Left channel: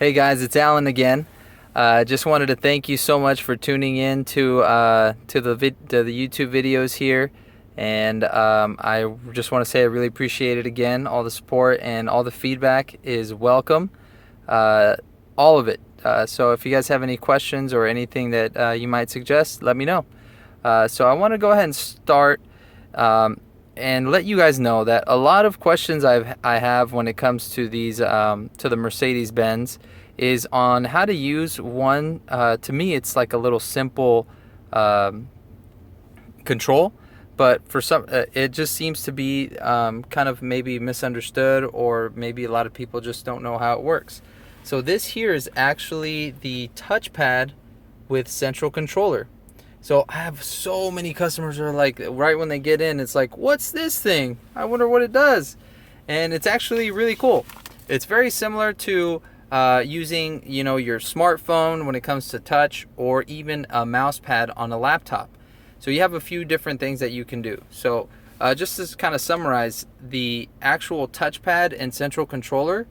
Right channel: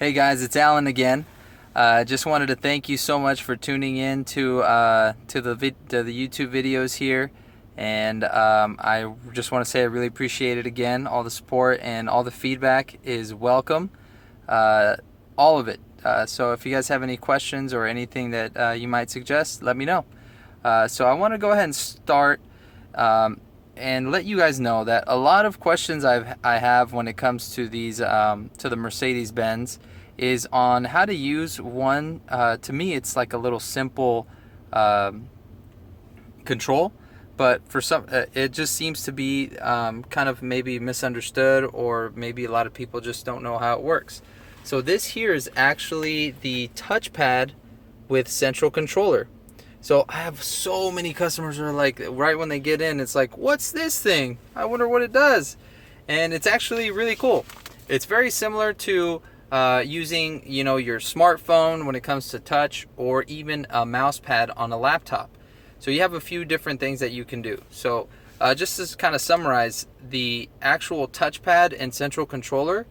Hey guys, it's Alan again. Just wanted to thank you so much for tuning in to the YouTube videos here, and I just want to say I really appreciate it again. All the support and all the feedback is welcome, all of it. So if you guys have any questions or anything that you might suggest, let me know. So I want to go ahead and start. And let you guys know that a lot of questions I have when it comes to these to the Mercedes-Benz is on how to use one. To me, it's like a little simple control, but for some, it just seems to be kind of maybe misunderstood, or maybe a lot of people just don't know how it works. So this here is actually the touchpad with central controller. So I have so many customers who are like, right when they get in, it's like, what's this thing? I wonder what it does. And it's actually really cool. It's very similar to using, your smartphone when it comes to touch, or even a mouse pad on a laptop. So you have a few different things that you can do. So just to kind of summarize, the actual touchpad and central controller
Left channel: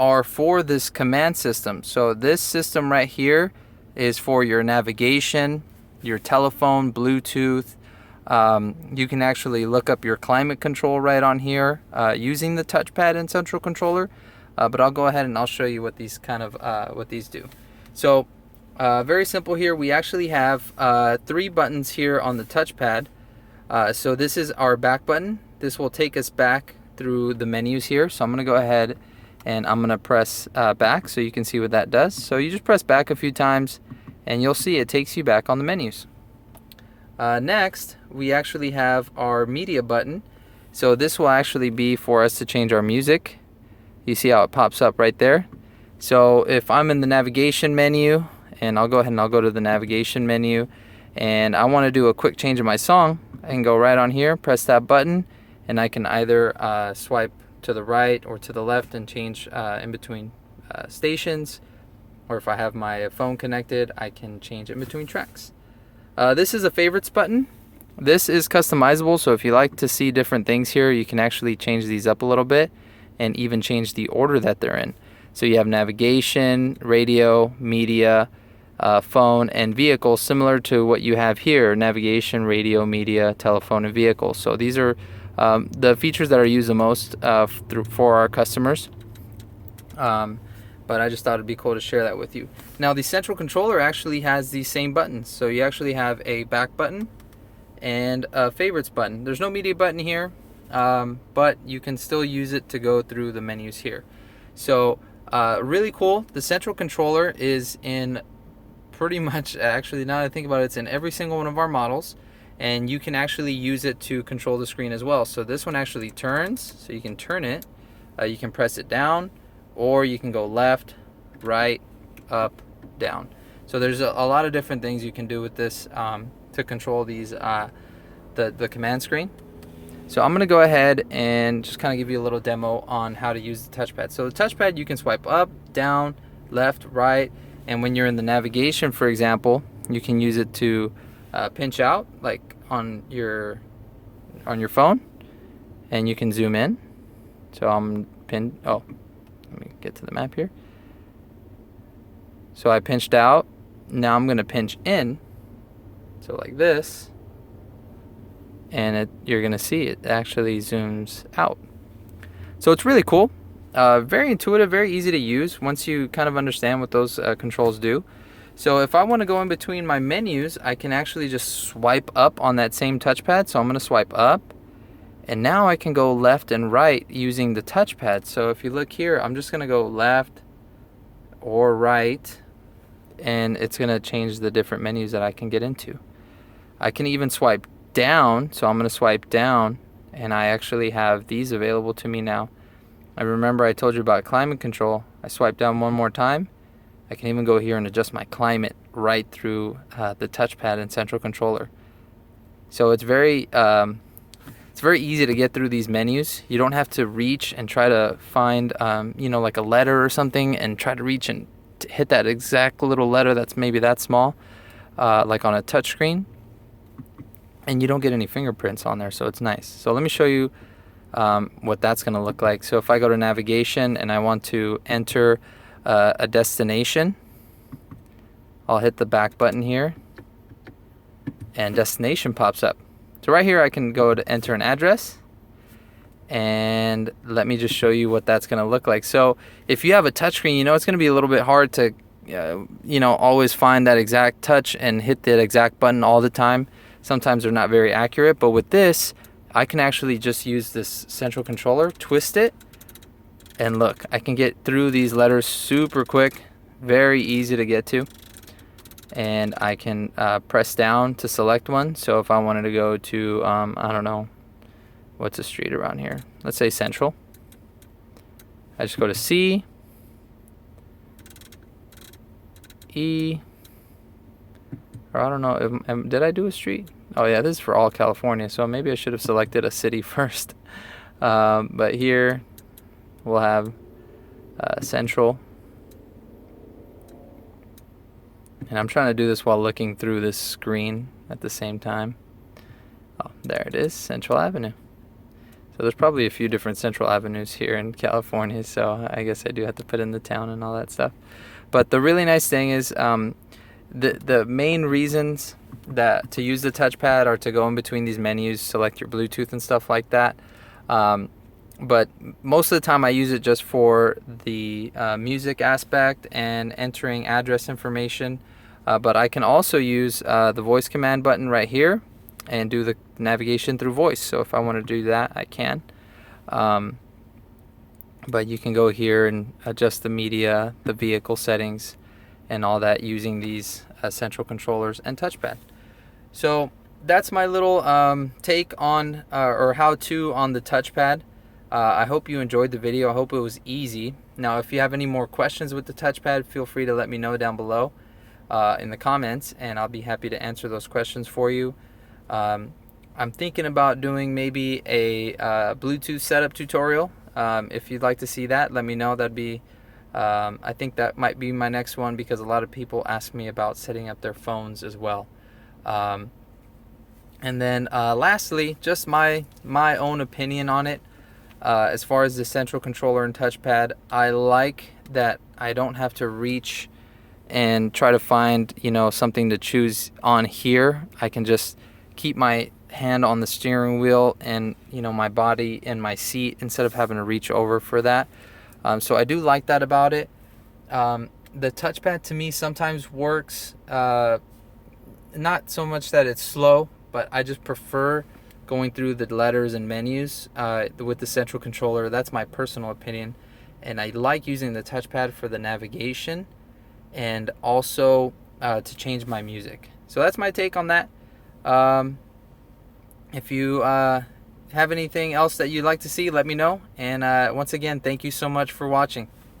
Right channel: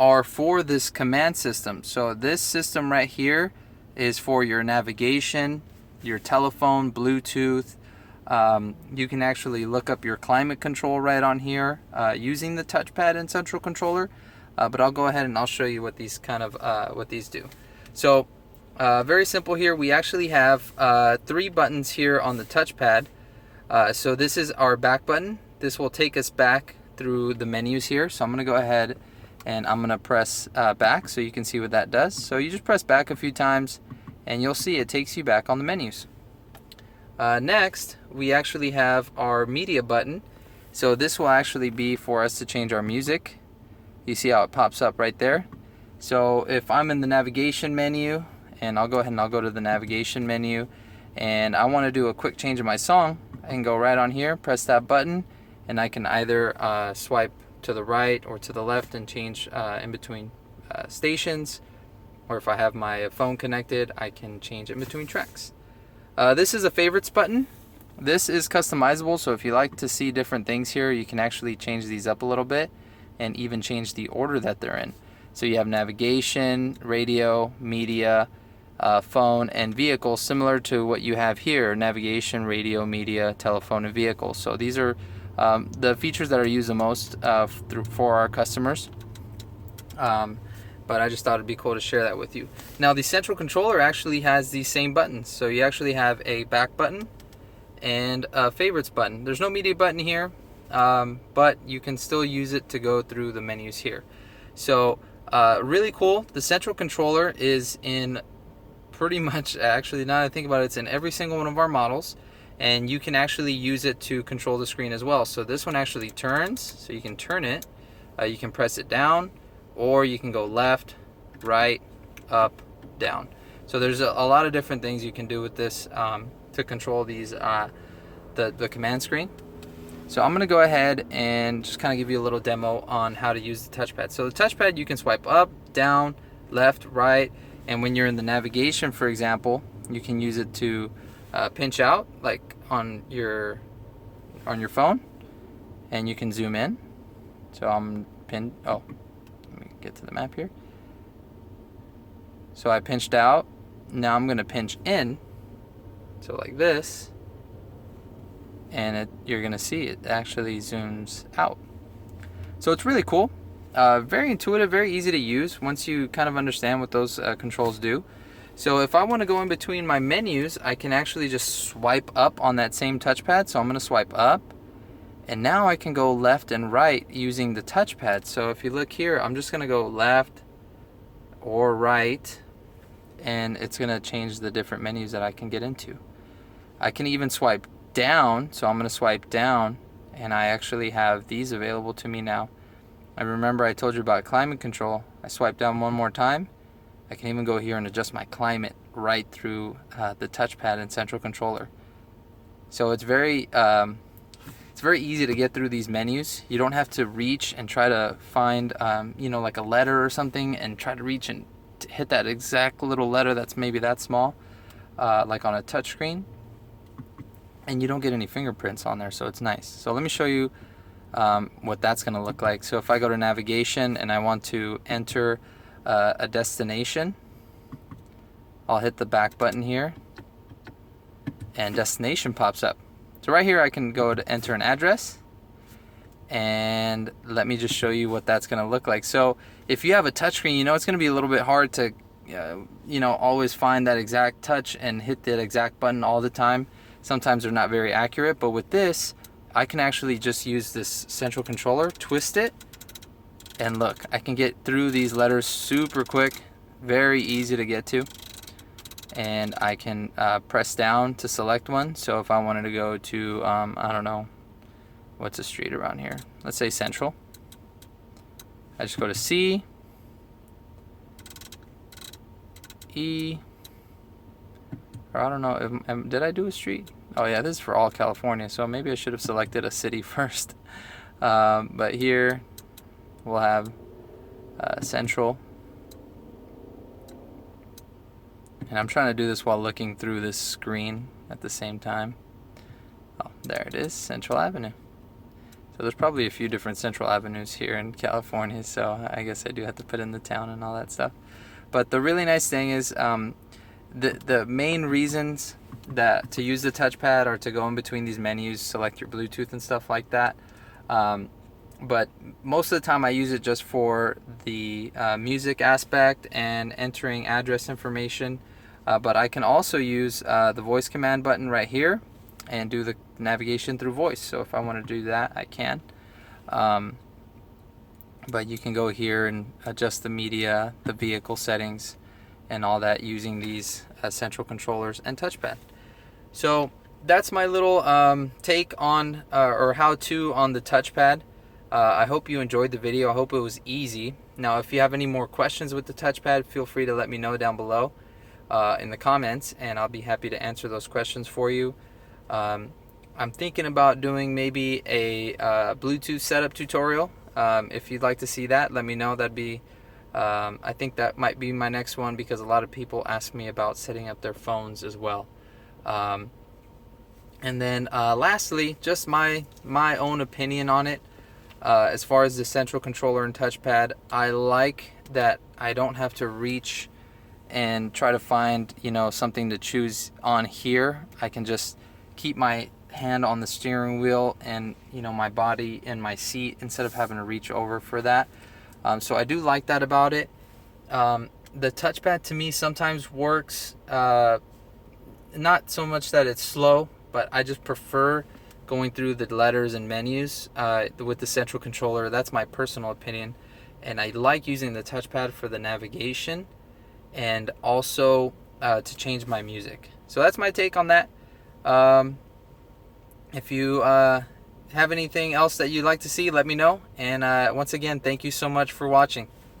are for this command system. So this system right here is for your navigation, your telephone, Bluetooth. You can actually look up your climate control right on here using the touchpad and central controller. But I'll go ahead and I'll show you what these what these do. So very simple here. We actually have 3 buttons here on the touchpad. So this is our back button. This will take us back through the menus here. So I'm going to go ahead and I'm going to press back so you can see what that does. So you just press back a few times, and you'll see it takes you back on the menus. Next, we actually have our media button. So this will actually be for us to change our music. You see how it pops up right there. So if I'm in the navigation menu, and I'll go ahead and I'll go to the navigation menu, and I want to do a quick change of my song, I can go right on here, press that button, and I can either swipe to the right or to the left and change in between stations. Or if I have my phone connected, I can change in between tracks. This is a favorites button. This is customizable, so if you like to see different things here, you can actually change these up a little bit and even change the order that they're in. So you have navigation, radio, media, phone, and vehicle, similar to what you have here: navigation, radio, media, telephone, and vehicle. So these are the features that are used the most for our customers. But I just thought it'd be cool to share that with you. Now, the central controller actually has these same buttons. So you actually have a back button and a favorites button. There's no media button here, but you can still use it to go through the menus here. So really cool. The central controller is in pretty much, actually, now that I think about it, it's in every single one of our models. And you can actually use it to control the screen as well. So this one actually turns, so you can turn it. You can press it down, or you can go left, right, up, down. So there's a lot of different things you can do with this to control these the command screen. So I'm going to go ahead and just kind of give you a little demo on how to use the touchpad. So the touchpad, you can swipe up, down, left, right, and when you're in the navigation, for example, you can use it to pinch out, like on your phone, and you can zoom in. So I'm pinned. Oh, let me get to the map here. So I pinched out. Now I'm going to pinch in. So like this. And you're going to see it actually zooms out. So it's really cool. Very intuitive, very easy to use once you kind of understand what those controls do. So if I want to go in between my menus, I can actually just swipe up on that same touchpad. So I'm going to swipe up. And now I can go left and right using the touchpad. So if you look here, I'm just going to go left or right, and it's going to change the different menus that I can get into. I can even swipe down, so I'm going to swipe down, and I actually have these available to me now. I remember I told you about climate control. I swipe down one more time. I can even go here and adjust my climate right through the touchpad and central controller. So it's very easy to get through these menus. You don't have to reach and try to find, like a letter or something, and try to reach and hit that exact little letter that's maybe that small, like on a touch screen. And you don't get any fingerprints on there, so it's nice. So let me show you what that's going to look like. So if I go to navigation and I want to enter a destination, I'll hit the back button here, and destination pops up. So right here I can go to enter an address, and let me just show you what that's going to look like. So if you have a touchscreen, you know it's going to be a little bit hard to you know, always find that exact touch and hit that exact button all the time. Sometimes they're not very accurate, but with this I can actually just use this central controller, twist it, and look, I can get through these letters super quick, very easy to get to. And I can press down to select one. So if I wanted to go to I don't know, what's a street around here, let's say Central, I just go to C, E, or I don't know, did I do a street? Oh yeah, this is for all California, so maybe I should have selected a city first. But here we'll have Central. And I'm trying to do this while looking through this screen at the same time. Oh, there it is, Central Avenue. So there's probably a few different Central Avenues here in California, so I guess I do have to put in the town and all that stuff. But the really nice thing is the main reasons that to use the touchpad are to go in between these menus, select your Bluetooth and stuff like that. But most of the time I use it just for the music aspect and entering address information. But I can also use the voice command button right here and do the navigation through voice. So if I want to do that, I can. But you can go here and adjust the media, the vehicle settings, and all that using these central controllers and touchpad. So that's my little take on or how-to on the touchpad. I hope you enjoyed the video. I hope it was easy. Now, if you have any more questions with the touchpad, feel free to let me know down below in the comments, and I'll be happy to answer those questions for you. I'm thinking about doing maybe a Bluetooth setup tutorial. If you'd like to see that, let me know. That'd be, I think that might be my next one, because a lot of people ask me about setting up their phones as well. And then lastly, just my own opinion on it. As far as the central controller and touchpad, I like that I don't have to reach and try to find, you know, something to choose on here. I can just keep my hand on the steering wheel and, you know, my body in my seat instead of having to reach over for that. So I do like that about it. The touchpad to me sometimes works, not so much that it's slow, but I just prefer going through the letters and menus with the central controller. That's my personal opinion. And I like using the touchpad for the navigation and also to change my music. So that's my take on that. If you have anything else that you'd like to see, let me know. And once again, thank you so much for watching.